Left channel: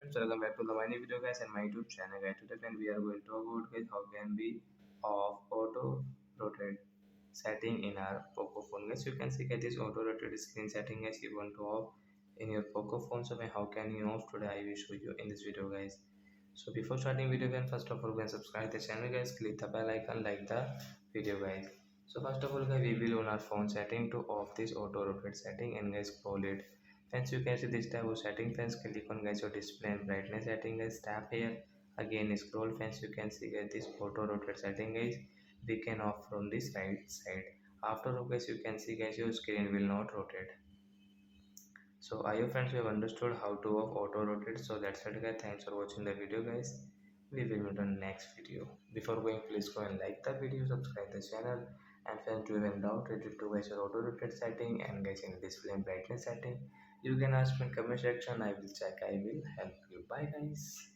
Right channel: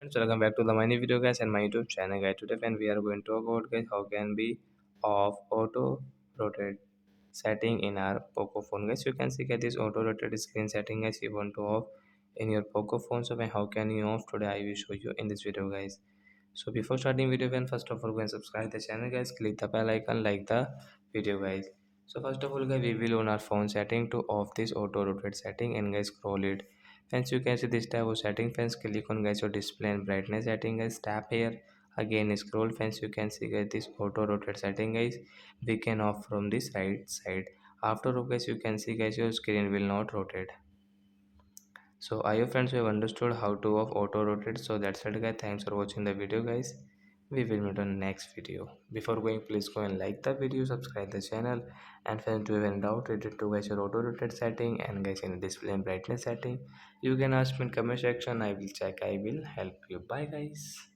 Friends, welcome back to the mini video guys and my YouTube channel guys. Today when we are going to talk about guys how can be off auto rotate setting in our Poco phone guys. You can see guys this auto rotate screen setting guys you want to off in your Poco phone. So how can you off today? I will show you in this video guys. So before starting video guys, first of all go and subscribe the channel guys. Click the bell icon, like the video guys. So first of all guys we will on our phone setting to off this auto rotate setting and guys scroll it. Friends, you can see this tab of setting. Friends, click on guys your display and brightness setting guys. Tap here again, scroll. Friends, you can see guys this auto rotate setting guys. We can off from this right side. After all guys, you can see guys your screen will not rotate. So I hope friends you have understood how to off auto rotate. So that's it guys. Thanks for watching the video guys. We will meet on next video. Before going, please go and like the video, subscribe the channel, and friends do you have any doubt related to guys your auto rotate setting and guys in display and brightness setting, you can ask me in comment section. I will check. I will help you. Bye guys.